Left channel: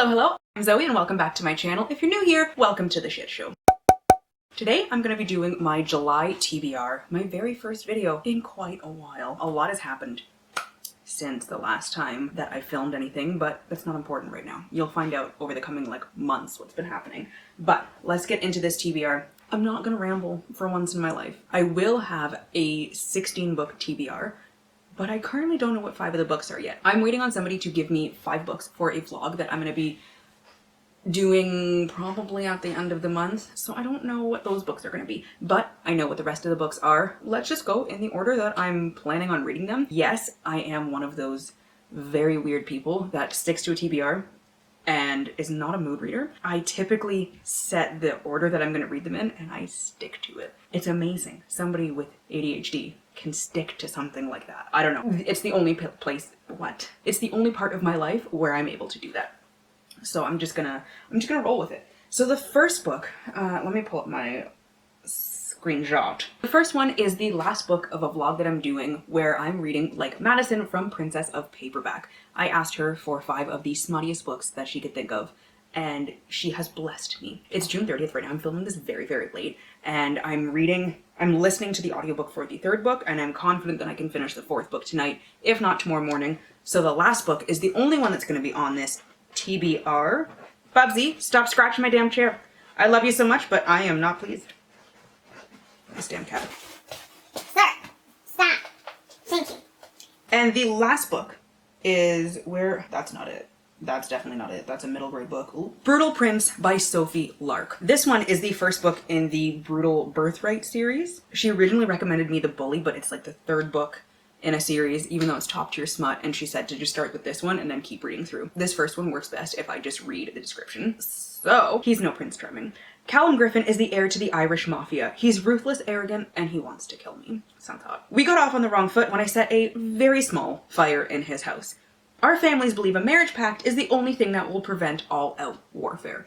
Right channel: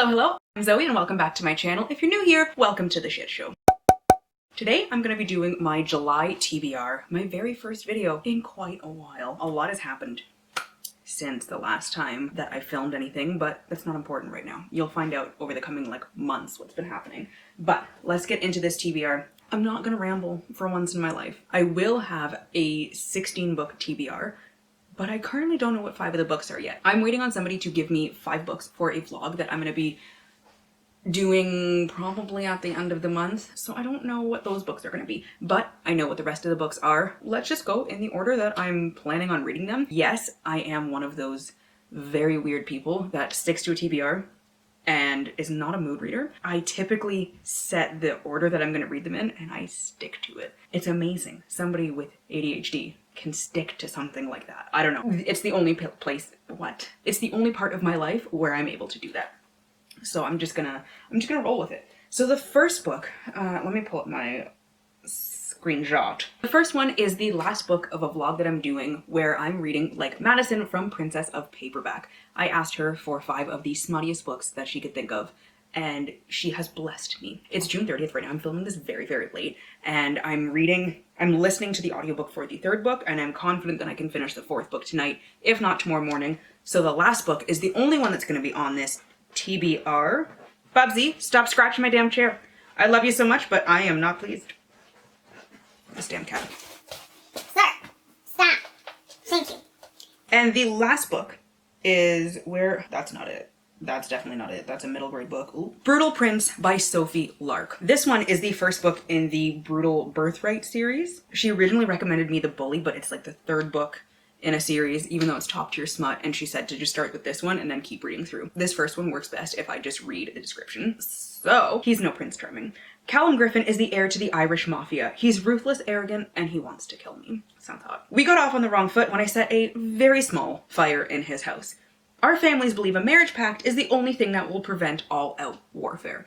Hello, I'm Zoe and welcome back to my channel. If you're new here, welcome to the shit show. Today I'm going to be doing my July TBR, my very first video in quite a while. A lot has happened since the last time that I filmed anything, but that's not important right now. You'll find out over the coming months what's been happening. But let's get into this TBR. I'm not going to ramble for once in my life. I will have a 16-book TBR, but I currently don't know what 5 of the books are yet. I'm waiting on somebody to give me 5 books for a vlog that I'm going to be doing probably at the end of the month. So I don't know what those books are going to be, but I know what the rest of the books are. Let's just go in the order that I'm planning on reading them. Yes, I am one of those very weird people that sticks to a TBR and is not a mood reader. I typically set the order that I'm going to read them in and I stick to it. It's amazing. Somebody with ADHD can stick to something like that. I don't know. It's the only It's the only part of my life where I'm able to do that. So I'm just gonna roll with it. So the first book, let me pull up my screenshot. The first one is the last book of a vlog that I'm doing where I'm reading like Madison from Princess of Paperback. I asked her for 5 of the smuttiest books that she could think of, and she has blessed me. It's June 30th right now. I'm filming this very, very late, and I'm listening to the audiobook for the 3rd book, and I'm confident that I can finish the 4th book tonight, if not tomorrow morning. So the last book is the only one that's going to be on this TBR. Bubsy, stop scratching my damn chair. I love you so much, but I am not pleased. This damn cat. Stop. Thank you. And the last book is that's not it. That's definitely not it. That's a middle grade book. Ooh. Brutal Prince by Sophie Lark. This one is the first book in the Brutal Birthright series. She originally recommended me The Bully, but it's like the 3rd book in a series, even though it's top tier smut, and she said to just start with this one and then keep reading through. This first one works best if I just read the description. So, he's no Prince Charming. Callum Griffin is the heir to the Irish mafia. He's ruthless, arrogant, and he wants to kill me. Sounds hot. We got off on the wrong foot when I set a very small fire in his house. Our families believe a marriage pact is the only thing that will prevent all-out warfare.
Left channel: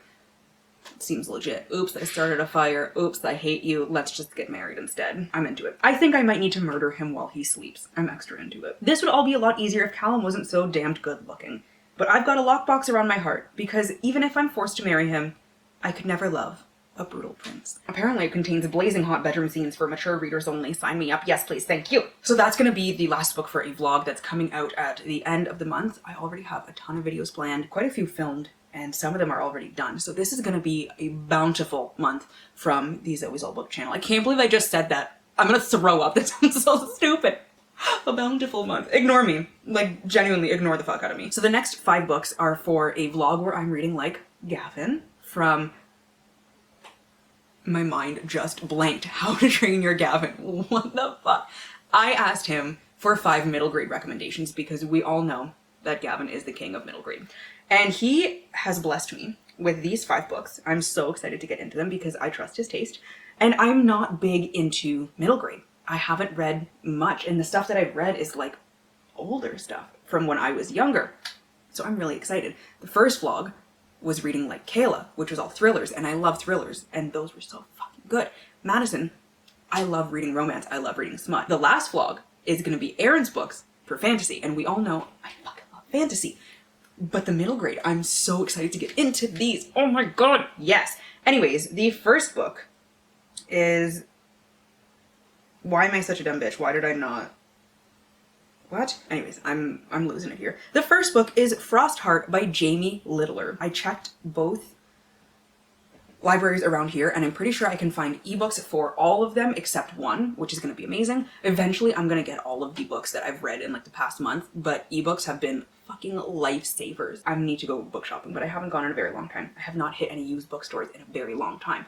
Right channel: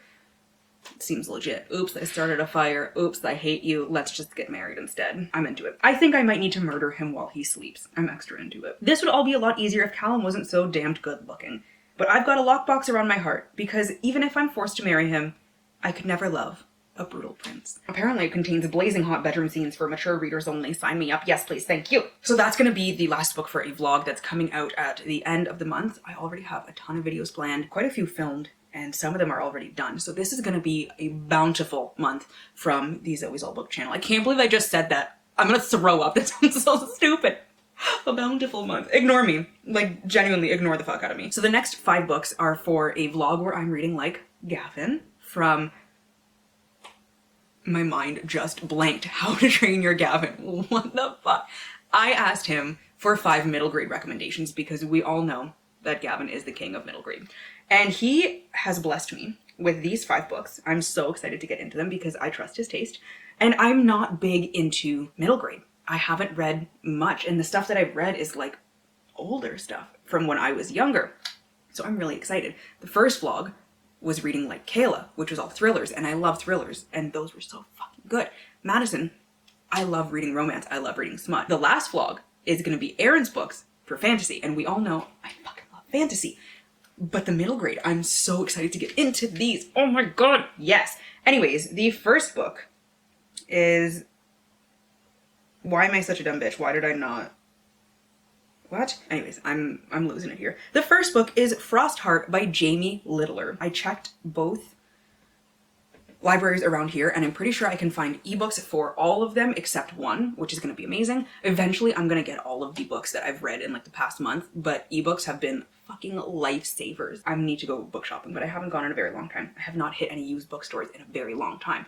It seems legit. Oops, I started a fire. Oops, I hate you. Let's just get married instead. I'm into it. I think I might need to murder him while he sleeps. I'm extra into it. This would all be a lot easier if Callum wasn't so damned good looking. But I've got a lockbox around my heart, because even if I'm forced to marry him, I could never love a brutal prince. Apparently it contains blazing hot bedroom scenes for mature readers only. Sign me up. Yes, please. Thank you. So that's going to be the last book for a vlog that's coming out at the end of the month. I already have a ton of videos planned, quite a few filmed, and some of them are already done. So this is going to be a bountiful month from the Zoe's All Book channel. I can't believe I just said that. I'm going to throw up. That sounds so stupid. A bountiful month. Ignore me. Like, genuinely ignore the fuck out of me. So the next 5 books are for a vlog where I'm reading like Gavin from... My mind just blanked. How to Train Your Gavin. What the fuck? I asked him for 5 middle grade recommendations because we all know that Gavin is the king of middle grade. And he has blessed me with these 5 books. I'm so excited to get into them because I trust his taste. And I'm not big into middle grade. I haven't read much, and the stuff that I've read is like older stuff from when I was younger. So I'm really excited. The first vlog was reading like Kayla, which was all thrillers, and I love thrillers, and those were so fucking good. Madison, I love reading romance. I love reading smut. The last vlog is going to be Aaron's books for fantasy, and we all know I fucking love fantasy. But the middle grade, I'm so excited to get into these. Oh my god, yes. Anyways, the first book is... Why am I such a dumb bitch? Why did I not... What? Anyways, I'm losing it here. The first book is Frostheart by Jamie Littler. I checked both libraries around here, and I'm pretty sure I can find ebooks for all of them except one, which is going to be amazing. Eventually, I'm going to get all of the books that I've read in like the past month, but ebooks have been fucking lifesavers. I need to go book shopping, but I haven't gone in a very long time. I have not hit any used bookstores in a very long time.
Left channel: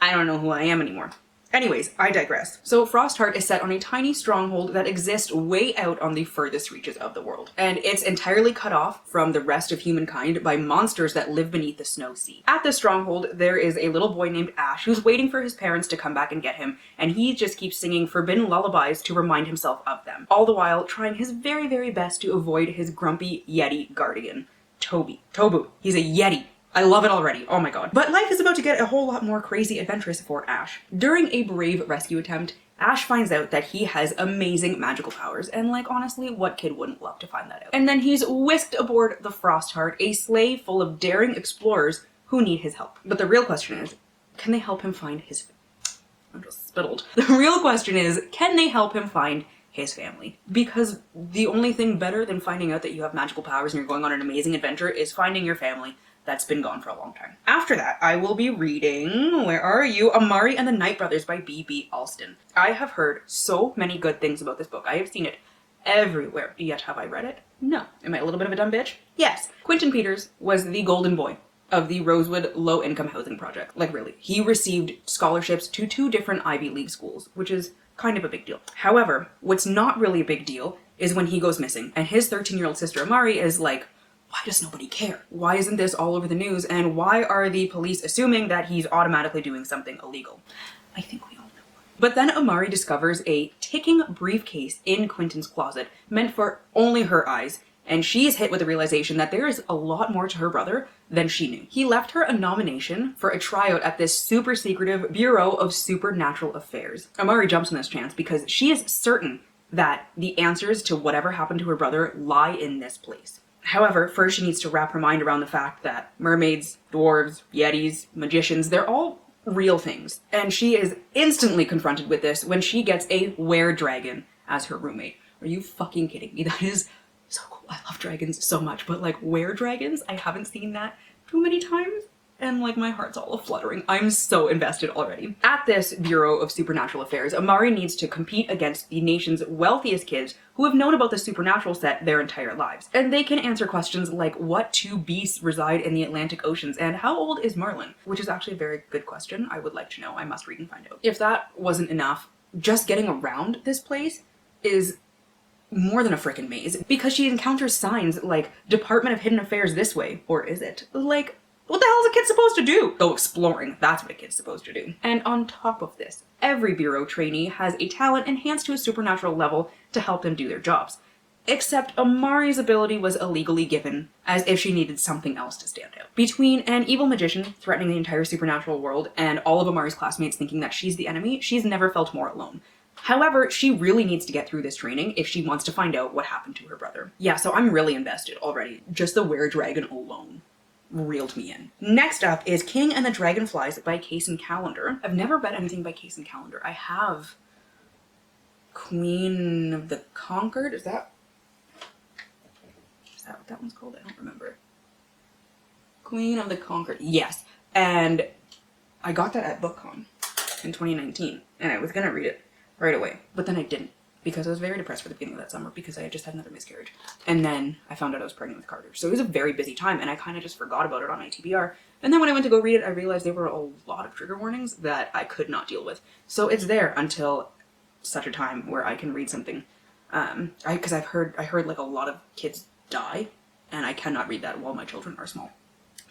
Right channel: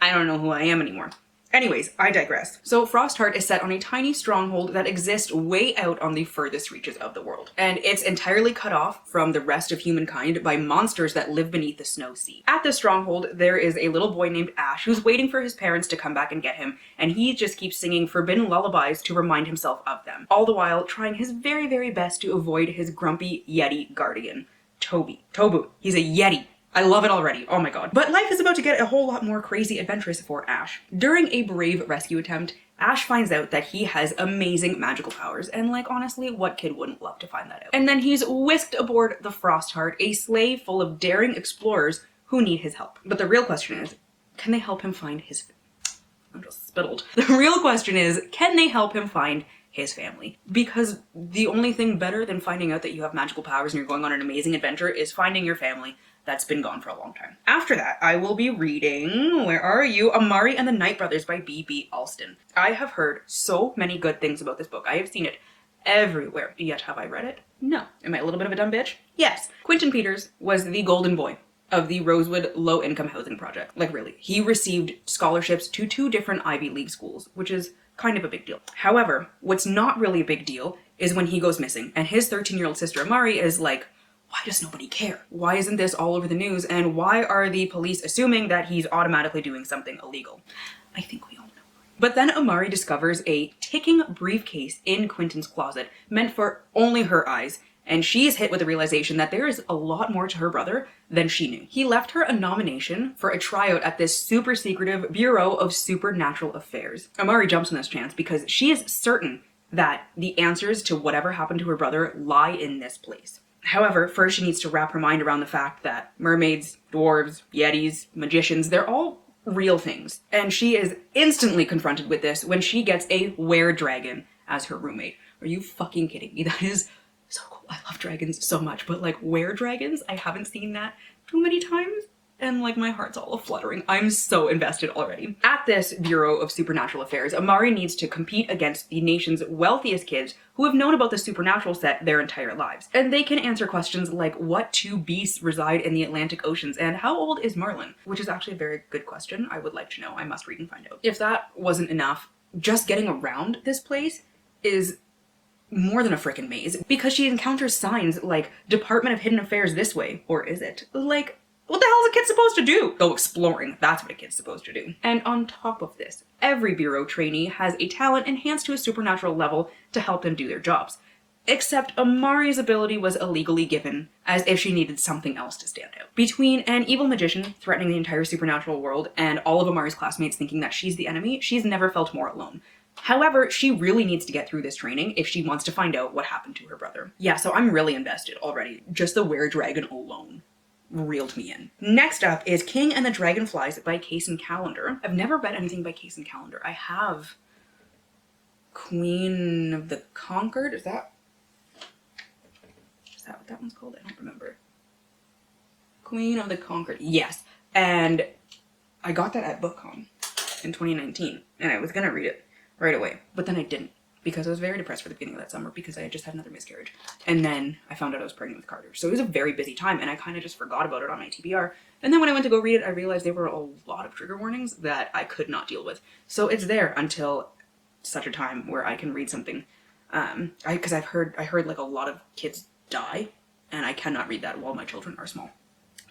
I don't know who I am anymore. Anyways, I digress. So Frostheart is set on a tiny stronghold that exists way out on the furthest reaches of the world. And it's entirely cut off from the rest of humankind by monsters that live beneath the snow sea. At the stronghold, there is a little boy named Ash who's waiting for his parents to come back and get him, and he just keeps singing forbidden lullabies to remind himself of them, all the while trying his very, very best to avoid his grumpy Yeti guardian, Tobu. He's a Yeti. I love it already. Oh my god. But life is about to get a whole lot more crazy adventurous for Ash. During a brave rescue attempt, Ash finds out that he has amazing magical powers, and like honestly, what kid wouldn't love to find that out? And then he's whisked aboard the Frostheart, a sleigh full of daring explorers who need his help. But the real question is, can they help him find his... I'm just spittled. The real question is, can they help him find his family? Because the only thing better than finding out that you have magical powers and you're going on an amazing adventure is finding your family that's been gone for a long time. After that, I will be reading, where are you? Amari and the Night Brothers by B.B. Alston. I have heard so many good things about this book. I have seen it everywhere. Yet have I read it? No. Am I a little bit of a dumb bitch? Yes. Quentin Peters was the golden boy of the Rosewood Low-Income Housing Project. Like really. He received scholarships to 2 different Ivy League schools, which is kind of a big deal. However, what's not really a big deal is when he goes missing, and his 13-year-old sister Amari is like, why does nobody care? Why isn't this all over the news? And why are the police assuming that he's automatically doing something illegal? I think we all know. But then Amari discovers a ticking briefcase in Quentin's closet, meant for only her eyes, and she is hit with the realization that there is a lot more to her brother than she knew. He left her a nomination for a tryout at this super secretive Bureau of Supernatural Affairs. Amari jumps on this chance because she is certain that the answers to whatever happened to her brother lie in this place. However, first she needs to wrap her mind around the fact that mermaids, dwarves, yetis, magicians, they're all real things. And she is instantly confronted with this when she gets a were-dragon as her roommate. Are you fucking kidding me? That is so cool. I love dragons so much, but like were-dragons, I haven't seen that too many times. And like my heart's all fluttering. I'm so invested already. At this Bureau of Supernatural Affairs, Amari needs to compete against the nation's wealthiest kids who have known about the supernatural set their entire lives. And they can answer questions like what 2 beasts reside in the Atlantic Oceans and how old is Merlin? Which is actually a very good question. I would like to know. I must read and find out. If that wasn't enough, just getting around this place is more than a frickin' maze because she encounters signs like Department of Hidden Affairs this way, or is it? Like, what the hell is a kid supposed to do? Go exploring. That's what a kid's supposed to do. And on top of this, every bureau trainee has a talent enhanced to a supernatural level to help them do their jobs. Except Amari's ability was illegally given, as if she needed something else to stand out. Between an evil magician threatening the entire supernatural world and all of Amari's classmates thinking that she's the enemy, she's never felt more alone. However, she really needs to get through this training if she wants to find out what happened to her brother. Yeah, so I'm really invested already. Just the were-dragon alone reeled me in. Next up is King and the Dragonflies by Case and Callender. I've never read anything by Case and Callender. I have Queen of the Conquered. Is that what that one's called? I don't remember it. Queen of the Conquered. Yes. And I got that at BookCon in 2019. And I was gonna read it right away. But then I didn't. Because I was very depressed for the beginning of that summer because I had just had another miscarriage. And then I found out I was pregnant with Carter. So it was a very busy time and I kind of just forgot about it on my TBR. And then when I went to go read it, I realized there were a lot of trigger warnings that I could not deal with. So it's there until such a time where I can read something. Because I heard like a lot of kids die and I cannot read that while my children are small.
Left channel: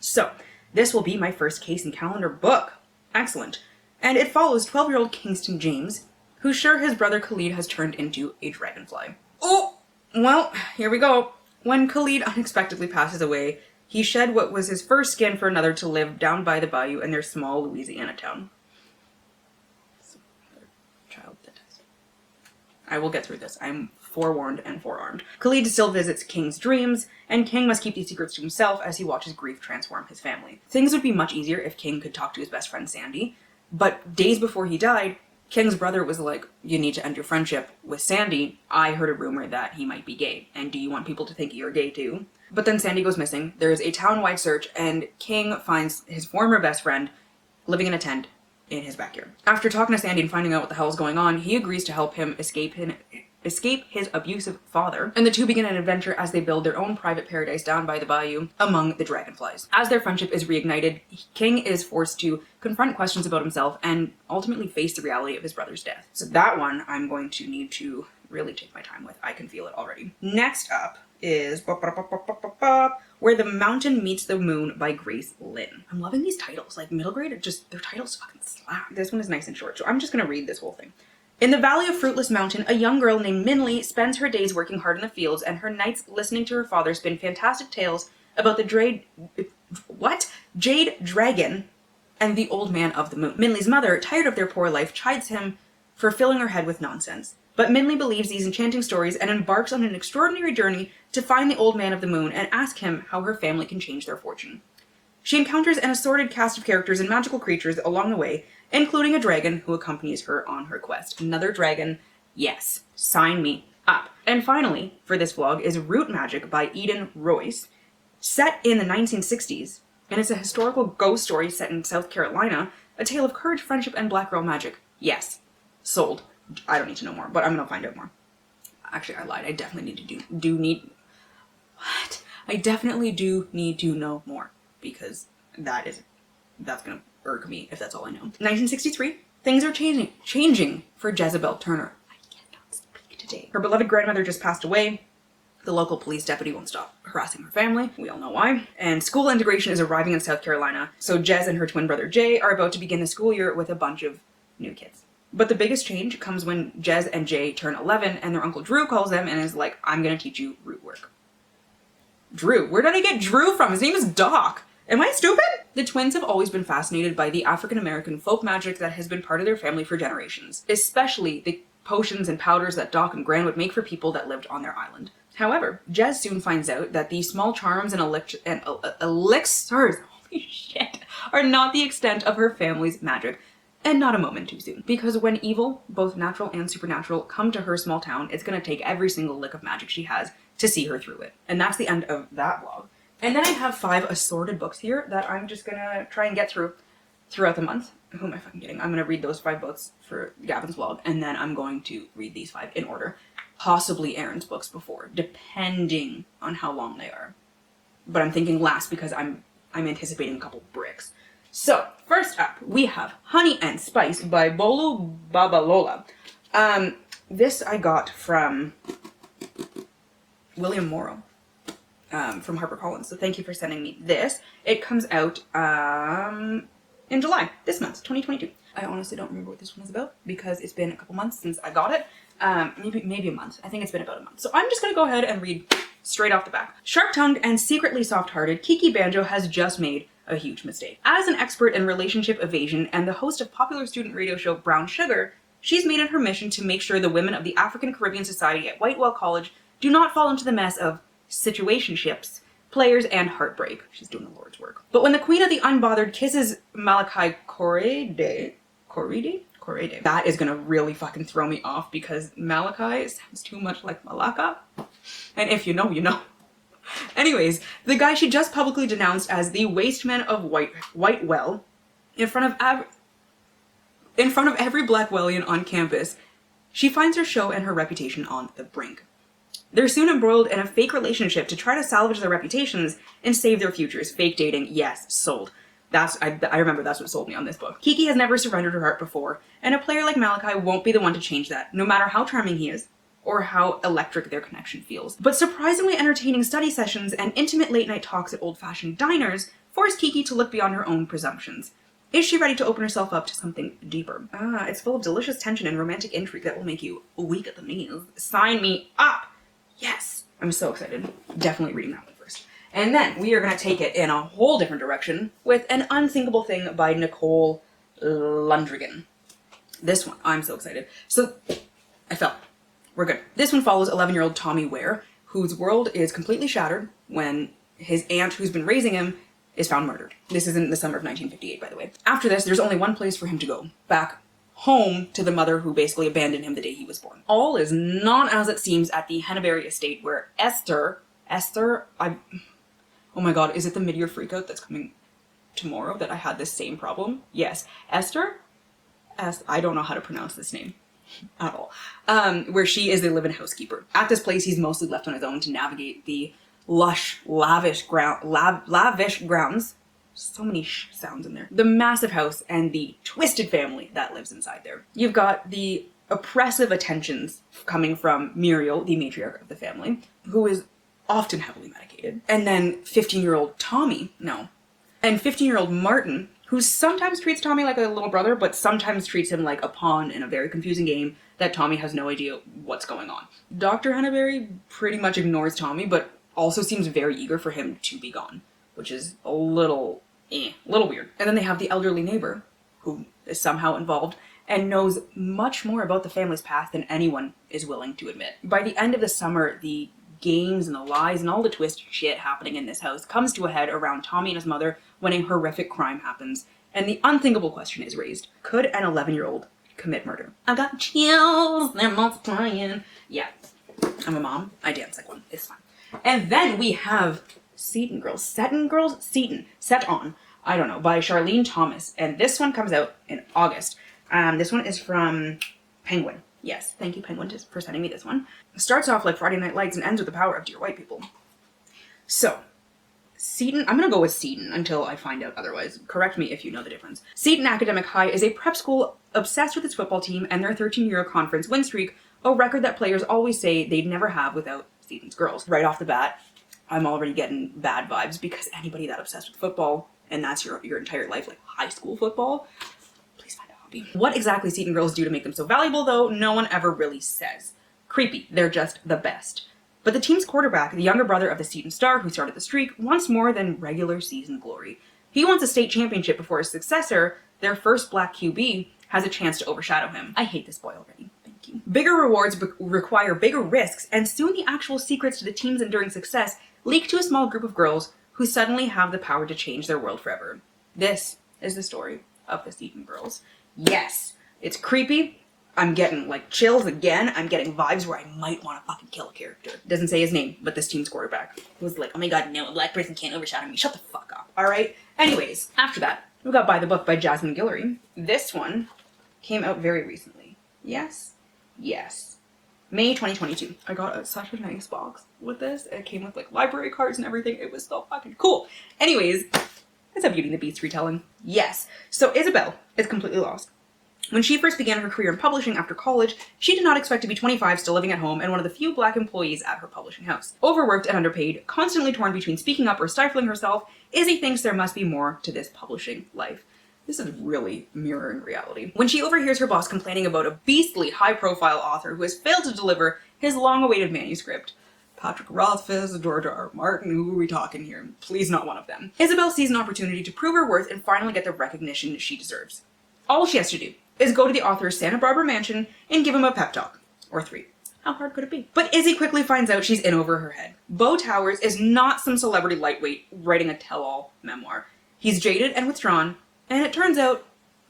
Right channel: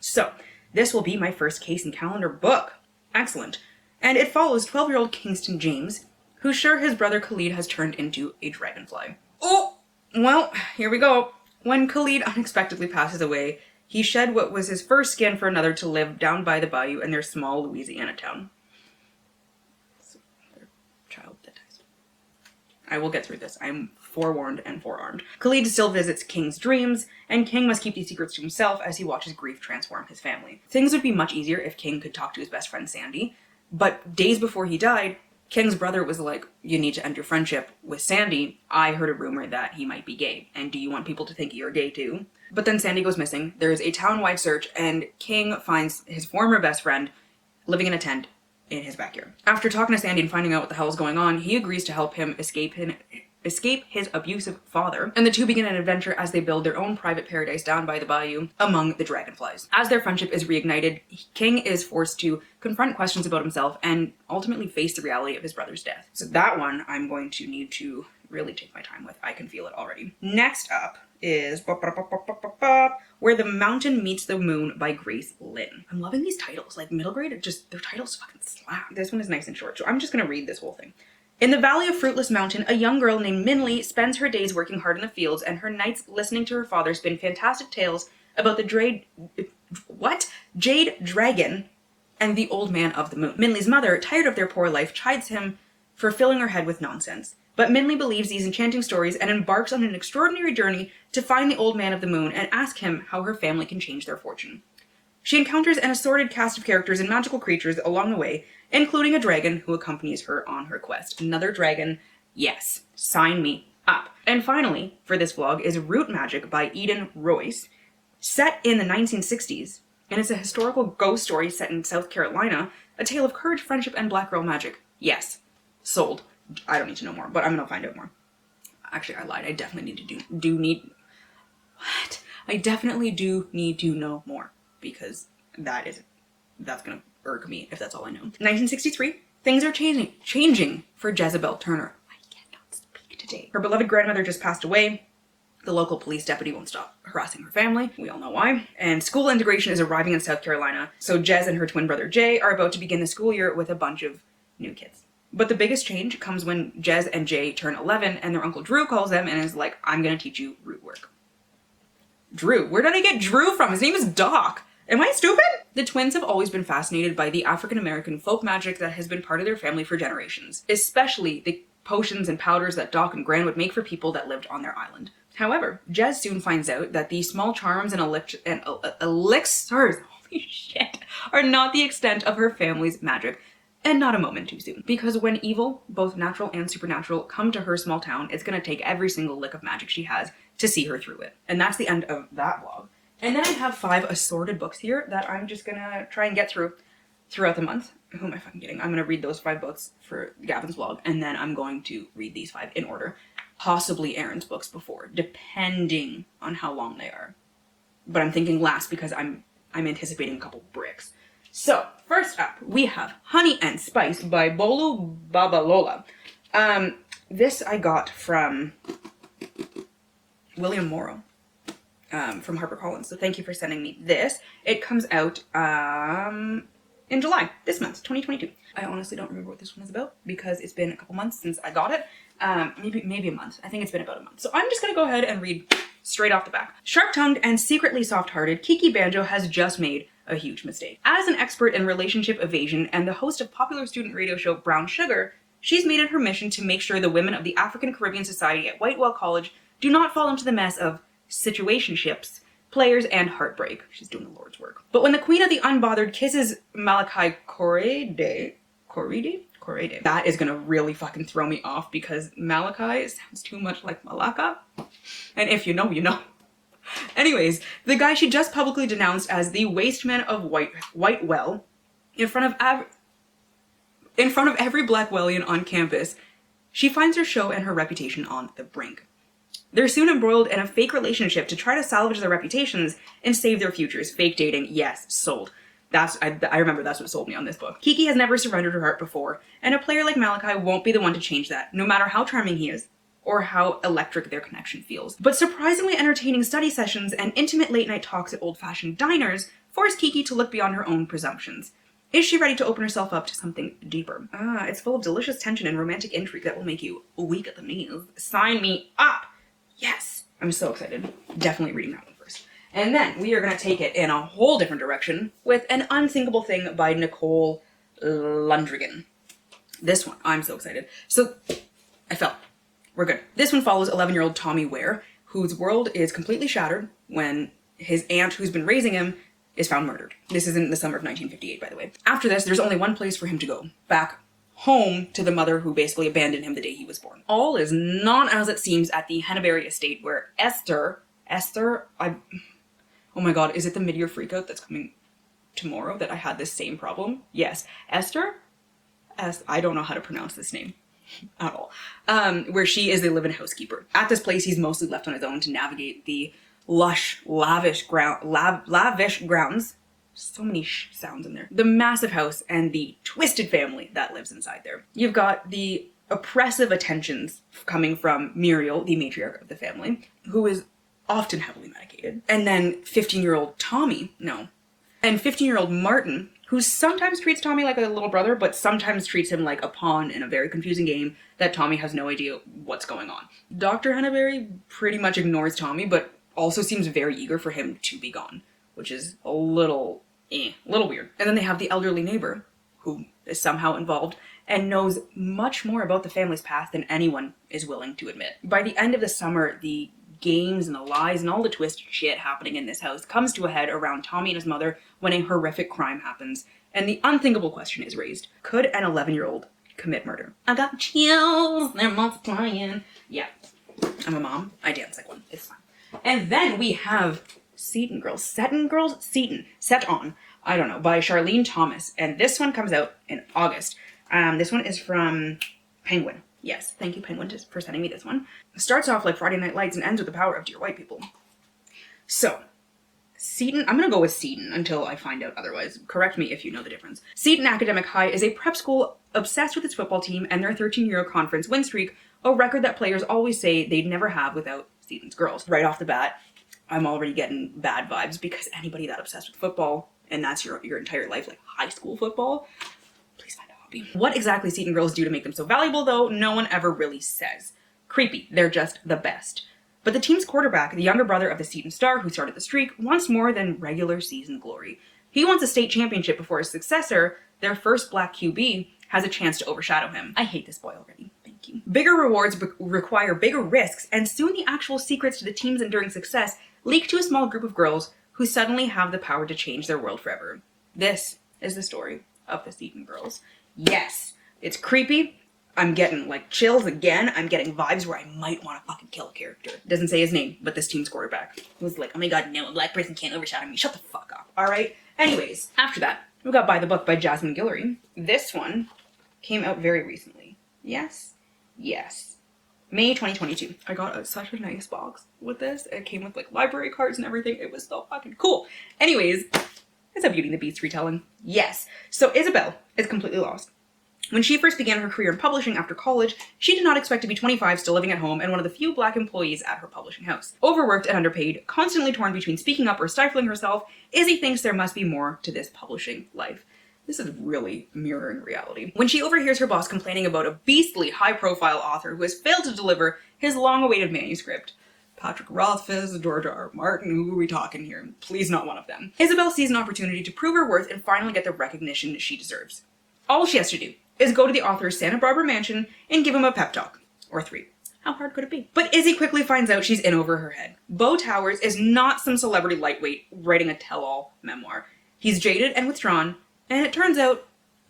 So this will be my first Case and Callender book. Excellent. And it follows 12-year-old Kingston James, who's sure his brother Khalid has turned into a dragonfly. Oh, well, here we go. When Khalid unexpectedly passes away, he shed what was his first skin for another to live down by the bayou in their small Louisiana town. Child that dies. I will get through this. I'm forewarned and forearmed. Khalid still visits King's dreams, and King must keep these secrets to himself as he watches grief transform his family. Things would be much easier if King could talk to his best friend Sandy, but days before he died, King's brother was like, you need to end your friendship with Sandy. I heard a rumor that he might be gay, and do you want people to think you're gay too? But then Sandy goes missing, there's a town-wide search, and King finds his former best friend living in a tent in his backyard. After talking to Sandy and finding out what the hell is going on, he agrees to help him escape his abusive father, and the two begin an adventure as they build their own private paradise down by the bayou among the dragonflies. As their friendship is reignited, King is forced to confront questions about himself and ultimately face the reality of his brother's death. So that one I'm going to need to really take my time with. I can feel it already. Next up is Where the Mountain Meets the Moon by Grace Lynn. I'm loving these titles. Like middle grade, their titles fucking slap. This one is nice and short, so I'm just gonna read this whole thing. In the Valley of Fruitless Mountain, a young girl named Minley spends her days working hard in the fields and her nights listening to her father spin fantastic tales about the Jade Dragon, and the Old Man of the Moon. Minley's mother, tired of their poor life, chides him for filling her head with nonsense. But Minley believes these enchanting stories and embarks on an extraordinary journey to find the Old Man of the Moon and ask him how her family can change their fortune. She encounters an assorted cast of characters and magical creatures along the way, including a dragon who accompanies her on her quest. Another dragon, yes, sign me up. And finally, for this vlog, is Root Magic by Eden Royce, set in the 1960s, and it's a historical ghost story set in South Carolina, a tale of courage, friendship, and black girl magic. Yes, sold. I don't need to know more, but I'm gonna find out more. Actually, I lied. I definitely I definitely do need to know more, because that's gonna irk me if that's all I know. 1963, things are changing for Jezebel Turner. I cannot speak today. Her beloved grandmother just passed away. The local police deputy won't stop harassing her family. We all know why. And school integration is arriving in South Carolina, so Jez and her twin brother Jay are about to begin the school year with a bunch of new kids. But the biggest change comes when Jez and Jay turn 11 and their uncle Drew calls them and is like, I'm gonna teach you root work. Drew? Where did I get Drew from? His name is Doc. Am I stupid? The twins have always been fascinated by the African-American folk magic that has been part of their family for generations, especially the potions and powders that Doc and Gran would make for people that lived on their island. However, Jez soon finds out that these small charms and elixirs, holy shit, are not the extent of her family's magic, and not a moment too soon. Because when evil, both natural and supernatural, come to her small town, it's gonna take every single lick of magic she has to see her through it. And that's the end of that vlog. And then I have 5 assorted books here that I'm just gonna try and get through throughout the month. Who am I fucking kidding? I'm gonna read those 5 books for Gavin's vlog, and then I'm going to read these 5 in order. Possibly Aaron's books before, depending on how long they are. But I'm thinking last because I'm anticipating a couple bricks. So, first up, we have Honey and Spice by Bolo Babalola. This I got from William Morrow, from HarperCollins, so thank you for sending me this. It comes out in July, this month, 2022. I honestly don't remember what this one is about because it's been a couple months since I got it. Maybe a month. I think it's been about a month. So I'm just gonna go ahead and read straight off the back. Sharp-tongued and secretly soft-hearted, Kiki Banjo has just made a huge mistake. As an expert in relationship evasion and the host of popular student radio show Brown Sugar, she's made it her mission to make sure the women of the African Caribbean Society at Whitewell College do not fall into the mess of situationships, players, and heartbreak. She's doing the Lord's work. But when the Queen of the Unbothered kisses Malachi Correde, that is gonna really fucking throw me off because Malachi sounds too much like Malaka. And if you know, you know. Anyways, the guy she just publicly denounced as the waste man of Whitewell in front of every Blackwellian on campus, she finds her show and her reputation on the brink. They're soon embroiled in a fake relationship to try to salvage their reputations and save their futures. Fake dating, yes, sold. I remember that's what sold me on this book. Kiki has never surrendered her heart before, and a player like Malachi won't be the one to change that, no matter how charming he is, or how electric their connection feels. But surprisingly entertaining study sessions and intimate late-night talks at old-fashioned diners force Kiki to look beyond her own presumptions. Is she ready to open herself up to something deeper? It's full of delicious tension and romantic intrigue that will make you weak at the knees. Sign me up! Yes! I'm so excited. Definitely reading that one first. And then we are going to take it in a whole different direction with An Unthinkable Thing by Nicole Lundrigan. This one, I'm so excited. So, I fell. We're good. This one follows 11-year-old Tommy Ware, whose world is completely shattered when his aunt, who's been raising him, is found murdered. This is in the summer of 1958, by the way. After this, there's only one place for him to go. Back home to the mother who basically abandoned him the day he was born. All is not as it seems at the Henneberry estate where oh my god, is it the mid-year freakout that's coming tomorrow that I had this same problem? Yes. Esther? I don't know how to pronounce this name at all. Where she is the live-in housekeeper. At this place, he's mostly left on his own to navigate the lush, lavish grounds. So many sounds in there. The massive house and the twisted family that lives inside there. You've got the oppressive attentions coming from Muriel, the matriarch of the family, who is often heavily medicated. And then 15-year-old Tommy, and 15-year-old Martin, who sometimes treats Tommy like a little brother, but sometimes treats him like a pawn in a very confusing game that Tommy has no idea what's going on. Dr. Henneberry pretty much ignores Tommy, but also seems very eager for him to be gone, which is a little little weird. And then they have the elderly neighbor, who is somehow involved and knows much more about the family's past than anyone is willing to admit. By the end of the summer, the games and the lies and all the twisted shit happening in this house comes to a head around Tommy and his mother when a horrific crime happens. And the unthinkable question is raised. Could an 11-year-old commit murder? I got chills, they're multiplying. Yeah, I'm a mom. I dance like one. It's fine. And then we have Satin, I don't know, by Charlene Thomas. And this one comes out in August. This one is from Penguin. Yes, thank you, Penguin, for sending me this one. It starts off like Friday Night Lights and ends with the power up to your white people. So, Satin, I'm gonna go with Satin until I find out otherwise. Correct me if you know the difference. Satin Academic High is a prep school obsessed with its football team and their 13-year conference win streak, a record that players always say they'd never have without Satin's girls. Right off the bat, I'm already getting bad vibes because anybody that obsessed with football, and that's your entire life, like high school football, please find a hobby. What exactly Satin girls do to make them so valuable, though, no one ever really says. Creepy. They're just the best. But the team's quarterback, the younger brother of the Satin star who started the streak, wants more than regular season glory. He wants a state championship before his successor, their first black QB, has a chance to overshadow him. I hate this boy already. Thank you. Bigger rewards require bigger risks, and soon the actual secrets to the team's enduring success leak to a small group of girls who suddenly have the power to change their world forever. This is the story of the Satin girls. Yes, it's creepy. I'm getting like chills again. I'm getting vibes where I might want to fucking kill a character. It doesn't say his name, but this team's quarterback was like, oh my god, no, a black person can't overshadow me. Shut the fuck up. Alright? Anyways, after that, we got By the Book by Jasmine Guillory. This one came out very recently. Yes. May 2022. I got such a nice box with this. It came with like library cards and everything. It was so fucking cool. Anyways, it's a Beauty and the Beast retelling. Yes. So Isabel is completely lost. When she first began her career in publishing after college, she did not expect to be 25, still living at home, and one of the few black employees at her publishing house. Overworked and underpaid, constantly torn between speaking up or stifling herself, Izzy thinks there must be more to this publishing life. This is really mirroring reality. When she overhears her boss complaining about a beastly high-profile author who has failed to deliver his long-awaited manuscript. Patrick Rothfuss, George R. Martin, who are we talking here? Please not one of them. Isabel sees an opportunity to prove her worth and finally get the recognition she deserves. All she has to do is go to the author's Santa Barbara mansion and give him a pep talk. Or 3. How hard could it be? But Izzy quickly finds out she's in over her head. Beau Towers is not some celebrity lightweight writing a tell-all memoir. He's jaded and withdrawn, and it turns out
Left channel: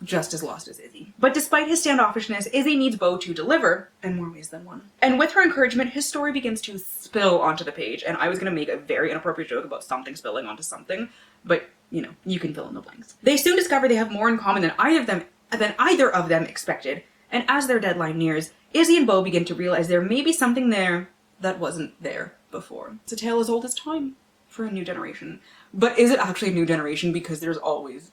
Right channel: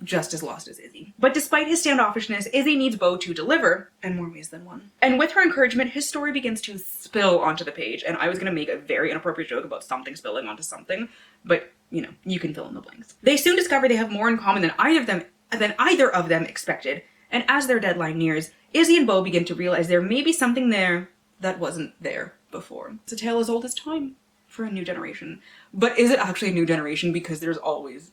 just as lost as Izzy. But despite his standoffishness, Izzy needs Beau to deliver in more ways than one. And with her encouragement, his story begins to spill onto the page, and I was going to make a very inappropriate joke about something spilling onto something, but, you know, you can fill in the blanks. They soon discover they have more in common than either of them expected, and as their deadline nears, Izzy and Beau begin to realize there may be something there that wasn't there before. It's a tale as old as time for a new generation. But is it actually a new generation? Because there's always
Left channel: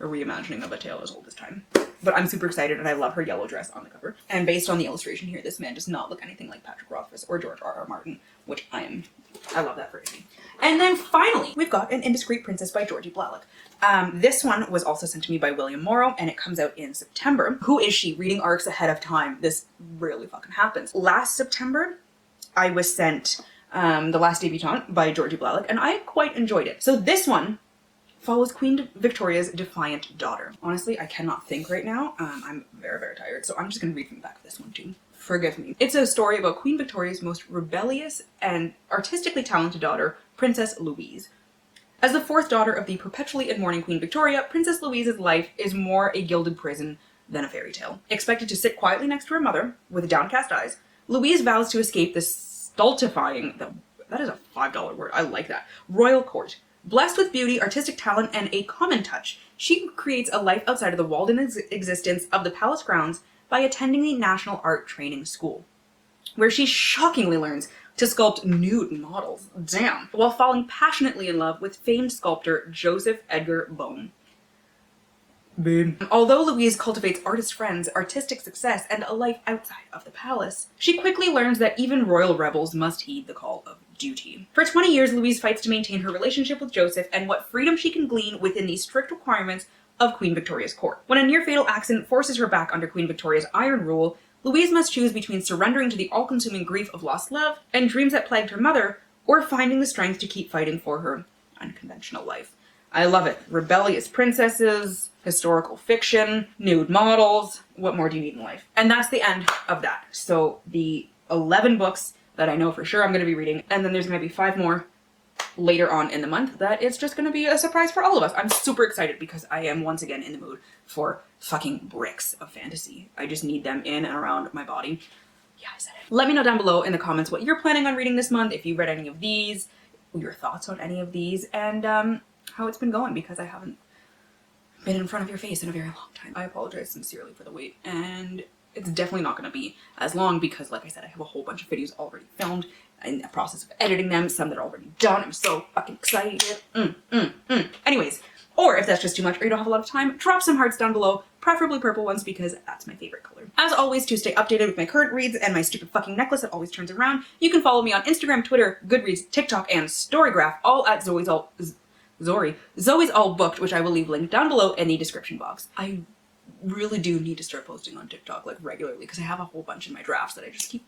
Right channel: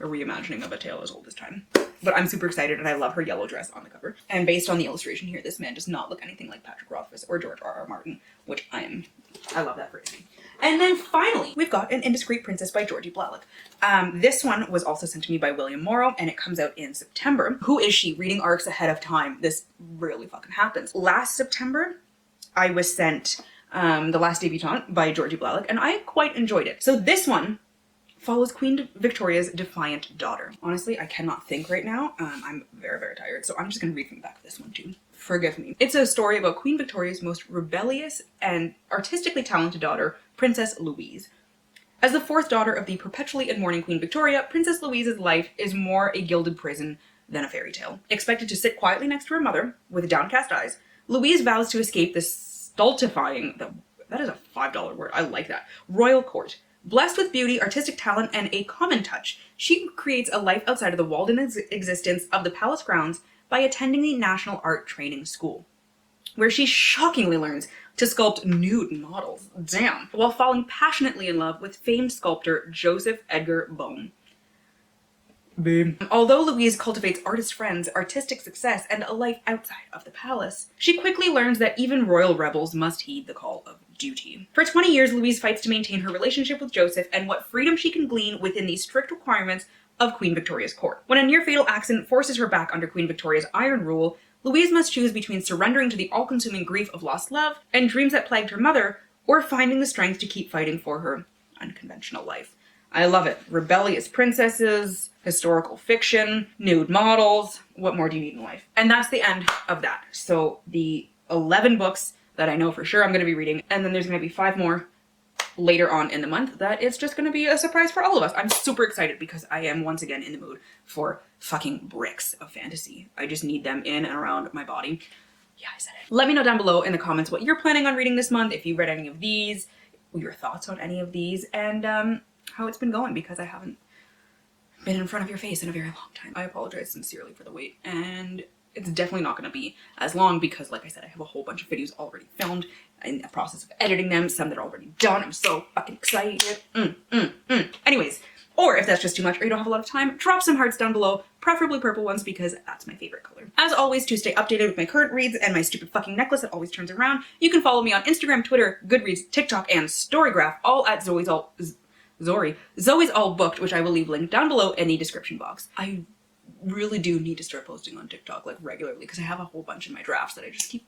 a reimagining of a tale as old as time. But I'm super excited, and I love her yellow dress on the cover. And based on the illustration here, this man does not look anything like Patrick Rothfuss or George R. Martin, which I love that for Izzy. And then finally, we've got An Indiscreet Princess by Georgie Blalock. This one was also sent to me by William Morrow, and it comes out in September. Who is she? Reading arcs ahead of time. This really fucking happens. Last September, I was sent The Last Debutante by Georgie Blalock, and I quite enjoyed it. So this one follows Queen Victoria's defiant daughter. Honestly, I cannot think right now. I'm very, very tired, so I'm just going to read from the back of this one too. Forgive me. It's a story about Queen Victoria's most rebellious and artistically talented daughter, Princess Louise. As the fourth daughter of the perpetually mourning Queen Victoria, Princess Louise's life is more a gilded prison than a fairy tale. Expected to sit quietly next to her mother, with downcast eyes, Louise vows to escape the stultifying, that is a $5 word, I like that, royal court. Blessed with beauty, artistic talent, and a common touch, she creates a life outside of the walled-in existence of the palace grounds by attending the National Art Training School, where she shockingly learns to sculpt nude models, damn, while falling passionately in love with famed sculptor Joseph Edgar Bone. Babe. Although Louise cultivates artist friends, artistic success, and a life outside of the palace, she quickly learns that even royal rebels must heed the call of duty. For 20 years, Louise fights to maintain her relationship with Joseph and what freedom she can glean within the strict requirements of Queen Victoria's court. When a near-fatal accident forces her back under Queen Victoria's iron rule, Louise must choose between surrendering to the all-consuming grief of lost love and dreams that plagued her mother, or finding the strength to keep fighting for her unconventional life. I love it. Rebellious princesses, historical fiction, nude models. What more do you need in life? And that's the end of that. So the 11 books that I know for sure I'm going to be reading, and then there's going to be 5 more later on in the month that it's just going to be a surprise for all of us. I'm super excited because I am once again in the mood for fucking bricks of fantasy. I just need them in and around my body. Yeah, I said it. Let me know down below in the comments what you're planning on reading this month, if you read any of these, your thoughts on any of these, and how it's been going, because I haven't been in front of your face in a very long time. I apologize sincerely for the wait, and it's definitely not going to be as long because, like I said, I have a whole bunch of videos already filmed in the process of editing them, some that are already done. I'm so fucking excited. Anyways, or if that's just too much or you don't have a lot of time, drop some hearts down below, preferably purple ones because that's my favorite color. As always, to stay updated with my current reads and my stupid fucking necklace that always turns around, you can follow me on Instagram, Twitter, Goodreads, TikTok, and Storygraph, all at Zoe's All Booked, which I will leave linked down below in the description box. I really do need to start posting on TikTok like regularly because I have a whole bunch in my drafts that I just keep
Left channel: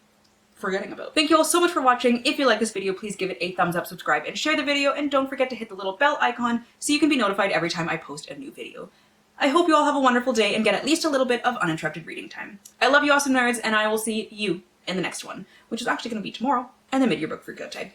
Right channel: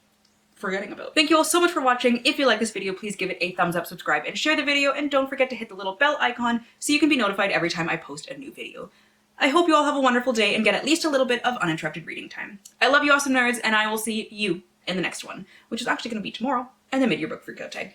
forgetting about. Thank you all so much for watching. If you like this video, please give it a thumbs up, subscribe, and share the video, and don't forget to hit the little bell icon so you can be notified every time I post a new video. I hope you all have a wonderful day and get at least a little bit of uninterrupted reading time. I love you awesome nerds, and I will see you in the next one, which is actually going to be tomorrow, and the mid-year book for Go Tag.